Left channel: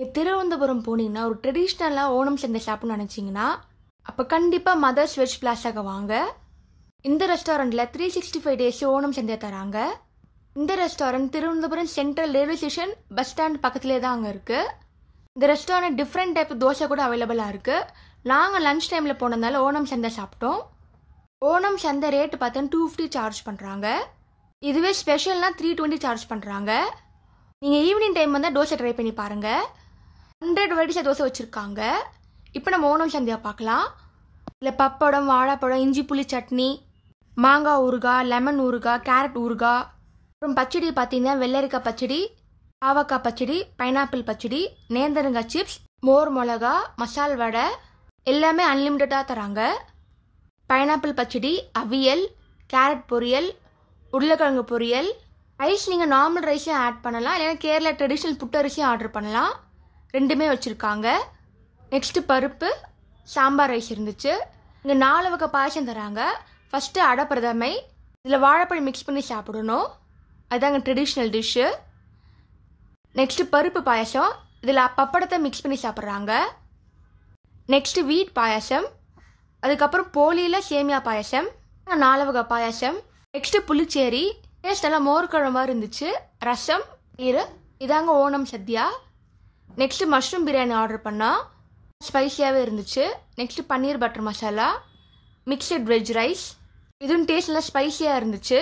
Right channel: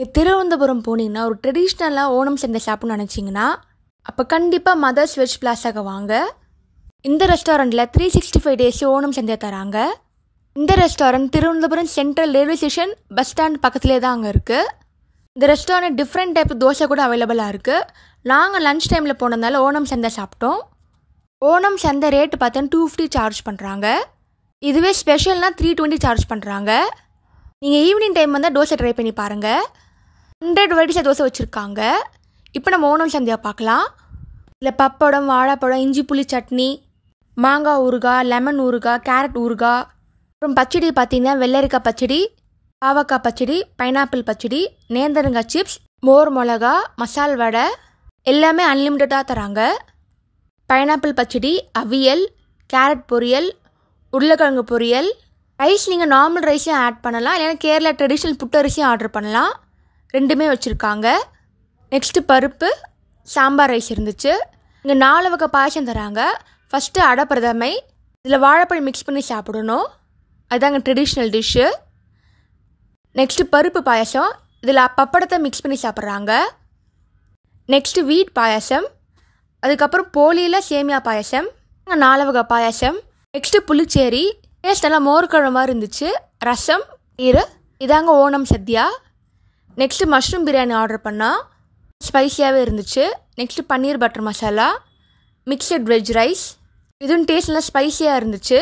திருவனந்தபுரம் போனீங்கன்னா ஒரு ட்ரெடிஷ்னலாக ஓணம் சந்தை சாப்பிட்ணும்னு நினச்சிங்கன்னா அப்போ கண்டிப்பாக மதர்ஸ் வெஜ் பிளாஸாக வாங்க. இந்த ரெஸ்டாரண்ட்டில் 365 டேஸ் ஓணம் சந்தை தராங்க. இந்த restaurant Thiruvananthapuram central railway station bus stand பக்கத்துலேயே தான் அங்கே இருக்குது. இந்த ரெஸ்டாரண்ட் டிஃப்ரெண்ட் டைப் தோசை கூட அவைலபிளாக இருக்குது. நாங்கள் லன்ச் டைமில் போனதுனால ஓணம் சந்தை சாப்பிட்டோம். ஓணம் சந்தை ரேட்டு பார்த்தோன்னா 250 சார்ஜ் பண்ணுறாங்க. இதுவே ஸ்பெஷல்னால் 320 சார்ஜ் பண்ணுறாங்க. நீங்கள் ஈவினிங் டைம் வந்தால் தோசை ட்ரை பண்ணி பாருங்கள். 100 வெரைட்டிஸாக தோசை வச்சுருக்காங்க. இப்போ நம்ம ஓணம் சந்தையை பார்க்கலாம். இல்லை பப்படம், வாழைப்பழம், இஞ்சி புளி சட்னி, மாங்காய் ஊறுகாய், லெமன் ஊறுகாய், கேரட் ஊறுகாய், அப்புறம் பச்சடி பார்த்தீங்கன்னா வெள்ளரிக்காய் பச்சடி, பாவக்காய் பச்சடி, பைனாப்பிள் பச்சடி, நேந்திரங்காய் சிப்ஸ், மோர் மிளகா, மசால் வடை எல்லாமே அன்லிமிட்டடாக தராங்க. பைனாப்பிள் பச்சடி, அவியல், கேரட் பொரியல், உருளைக்கிழங்கு பொரியல், ரைஸ் நீங்கள் நார்மல் ரைஸையும் ஆட் பண்ணலாம், இல்லைன்னா கேரளா ட்ரெடிஷ்னல் புட்டரிசியும் ஆர்டர் பண்ணலாம். ரெண்டுமே வச்சுருக்காங்க. நெக்ஸ்ட்டு பருப்பு சாம்பார் ரைஸ் இருந்துச்சு. இங்கே 4 வகை பாயசம் தராங்க. ஃபஸ்ட்டு அடை பிரதமை, இதில் வாழைப்பழம் மிக்ஸ் பண்ணி சாப்பிடணும், அதுதாங்க ட்ரெடிஷ்னல் டிஷ்ஷு. நெக்ஸ்ட்டு பருப்பு பாயசம், இதில் பப்படத்தை மிக்ஸ் பண்ணி சாப்பிட்றாங்க. நெக்ஸ்ட்டு வீட் பாயசம், அதுக்கப்புறம் போலியில் சேமியா பாயசம், 4 வகை பாயசம். நெக்ஸ்ட்டு புளிச்சேரி, டேஸ்ட் எல்லாம் மோர்க்குழம்பு மாதிரி இருந்துச்சு. ரசம், இதாங்க Onam sadya. Next mushroom biryani order பண்ணால் ஸ்பைஸியாகவே இருந்துச்சு. Next paneer butter masala, mixed veg rice, இதுவும் டேஸ்ட்லாம் ஸ்பைஸியாக இருந்துச்சு.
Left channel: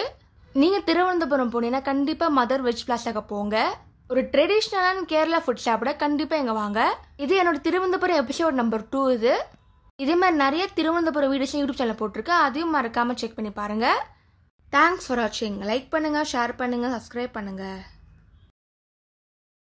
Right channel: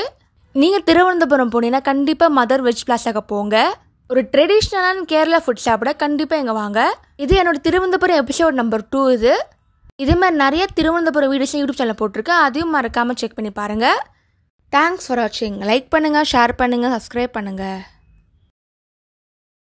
நீங்கள் திருவனந்தபுரம் போனீங்கன்னா கண்டிப்பாக மதர் வெஜ் பிளாஸாக போங்க. ஒரு ட்ரெடிஷ்னலான கேரளா ஃபுட் சாப்பிட கண்டிப்பாக இங்கே வாங்க. இது என்னோட திருவனந்தபுரம் எபிசோட் நம்பர் 2. இதே மாதிரி நிறைய திருவனந்தபுரம் வீடியோஸ் யூடியூப் சேனல் போட்டிருக்கேன், அதையும் மறக்காமல் செக் பண்ணி பாருங்கள். தேங்க்ஸ் ஃபார் வாட்சிங். லைக் பண்ணுங்கள், ஷேர் பண்ணுங்கள், சப்ஸ்கிரைப் பண்ணுங்கள்.